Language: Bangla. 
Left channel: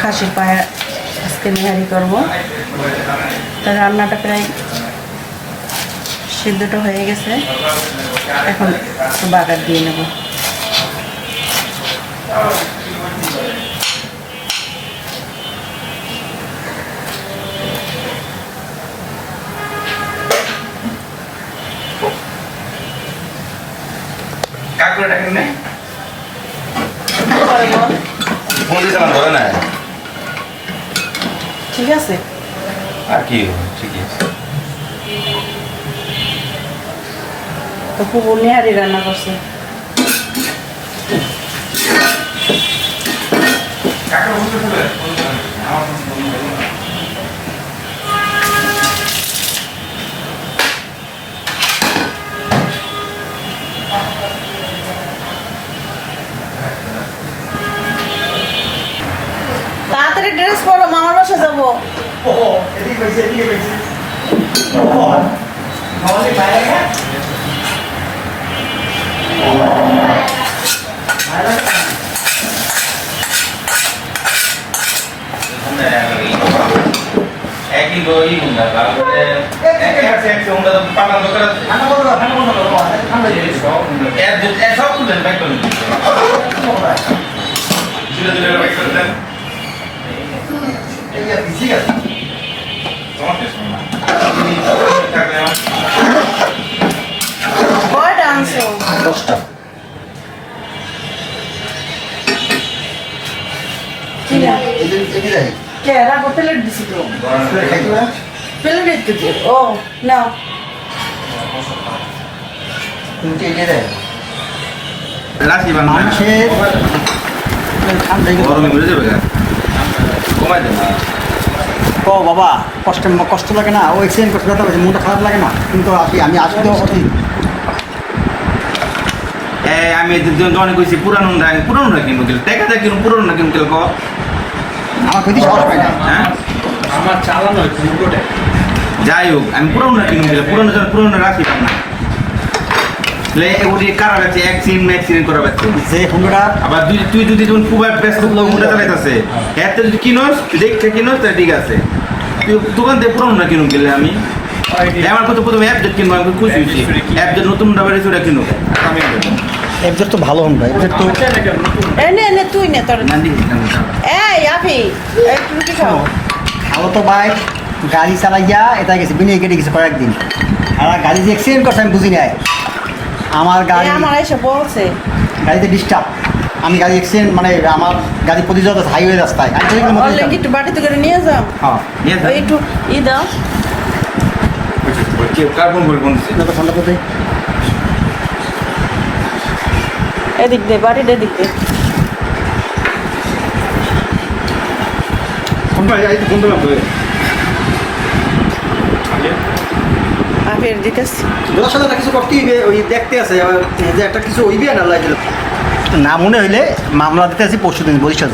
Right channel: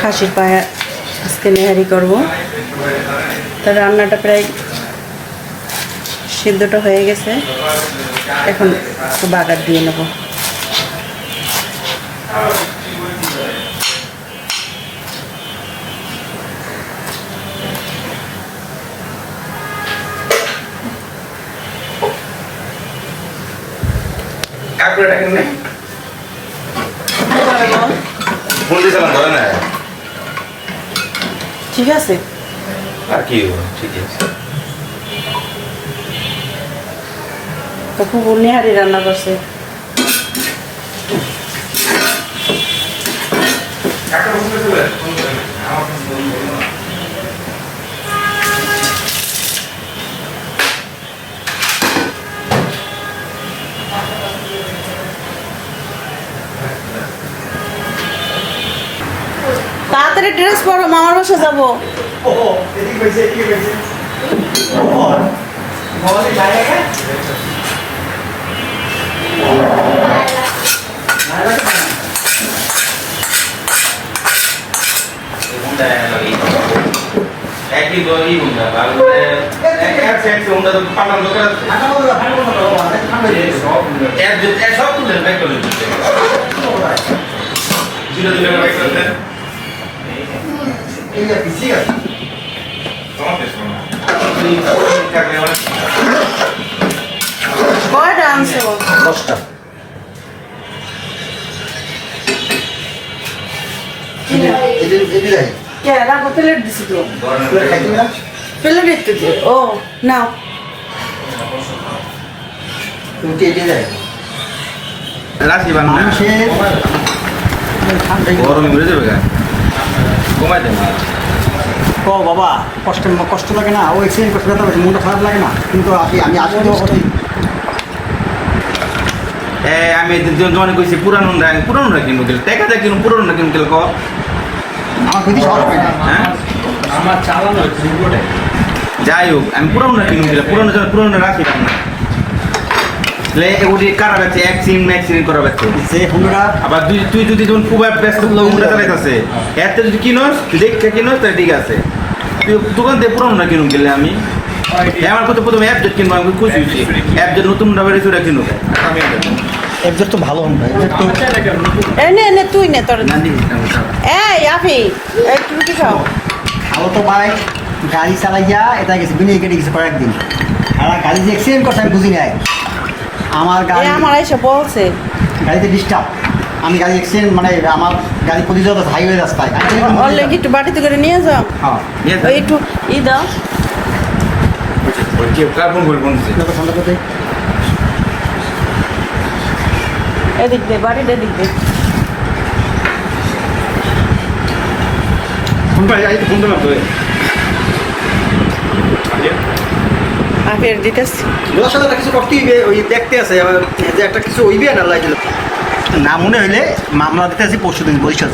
খাসির পায়া আজকে নেহারি করবো। তো রান্নাটা প্রায় সিদ্ধটা হয়ে গেছে, এখন একটু বাগার দিয়ে নেব। ঠিক আছে, আর কি ঠিক আছে। তো খুব নেহারি রান্না করছে। তাড়াতাড়ি ড্রেস পরো, মামার বাসা যাবো। কয়টা আনছো? 10টা। প্লেট দিছি তো, প্লেট দিতে। ও নাও, রাখি বানা গরম ঘুরে যাবে কমাই দেবো। ও বাবা, কষ্ট থাকে না, ও এক্সিডেন্ট করতে ব্যথা করছে, মনটা খারাপ লাগে না, কিন্তু আমি আসলে সত্যি আমি যখন কইছি পুরানো কিনবো গেলে টাকা দিয়ে কিনুন, পুরানো কিনুন গেলে কর আমার ক্ষতি খারাপ হয় না। হ্যাঁ যাই হোক, আমি পুরানো কিনুন গেলে পুরানো রাখি না। ওটি কারা গেছে অ্যাক্সিডেন্ট করা ব্যক্তি যে হুন্ডা আবার তুই যদি যখন খুব ব্যস্ত হুন্ডা চালাইতেছে একটা যদি কিনোস দেখতে কিনোস তাহলে ঠিক আছে। তুই দোকান থেকে পুরানো কিনুন গেলে আমি আমার কথা প্রথমে অ্যাপজেট কিনবো, আমি খুশি হয়েছি অ্যাপজেট নতুন ডাবের ওটা কিনুক আমি একজন তো ভালো হুন্ডা, এনে তুই নে তোর। এই আফি, এই তুমি কি খাও? ও তো ভাই গাড়ি চালাইয়া এটা গেছে বিনিয়ে কেটে গেছে কয়েকদিন, আর গাড়ি যে অ্যাক্সিডেন্ট করছে আমি বুঝি নাই। আমার গাড়ি আমার এসে বলছে গাড়িতে ডিস্টার্ব, আমি গাড়ি অ্যাক্সিডেন্ট মানে আমার গাড়ি প্রতিযোগ হাইওয়ে রাস্তায় অলরেডি একটু বাটিতে করে নিয়ে যাও। ওই একটু দাও। কার্বন বলবো এদিক দে, বাটিটা এদিক দে। আপের ডিটেলস কিছু করতেই ওই দেখতে আছে একটা কিছু ওইবে না লাগলো না মনে হইলে মামলা দিতে আছি পরশু দিন বরিশাল।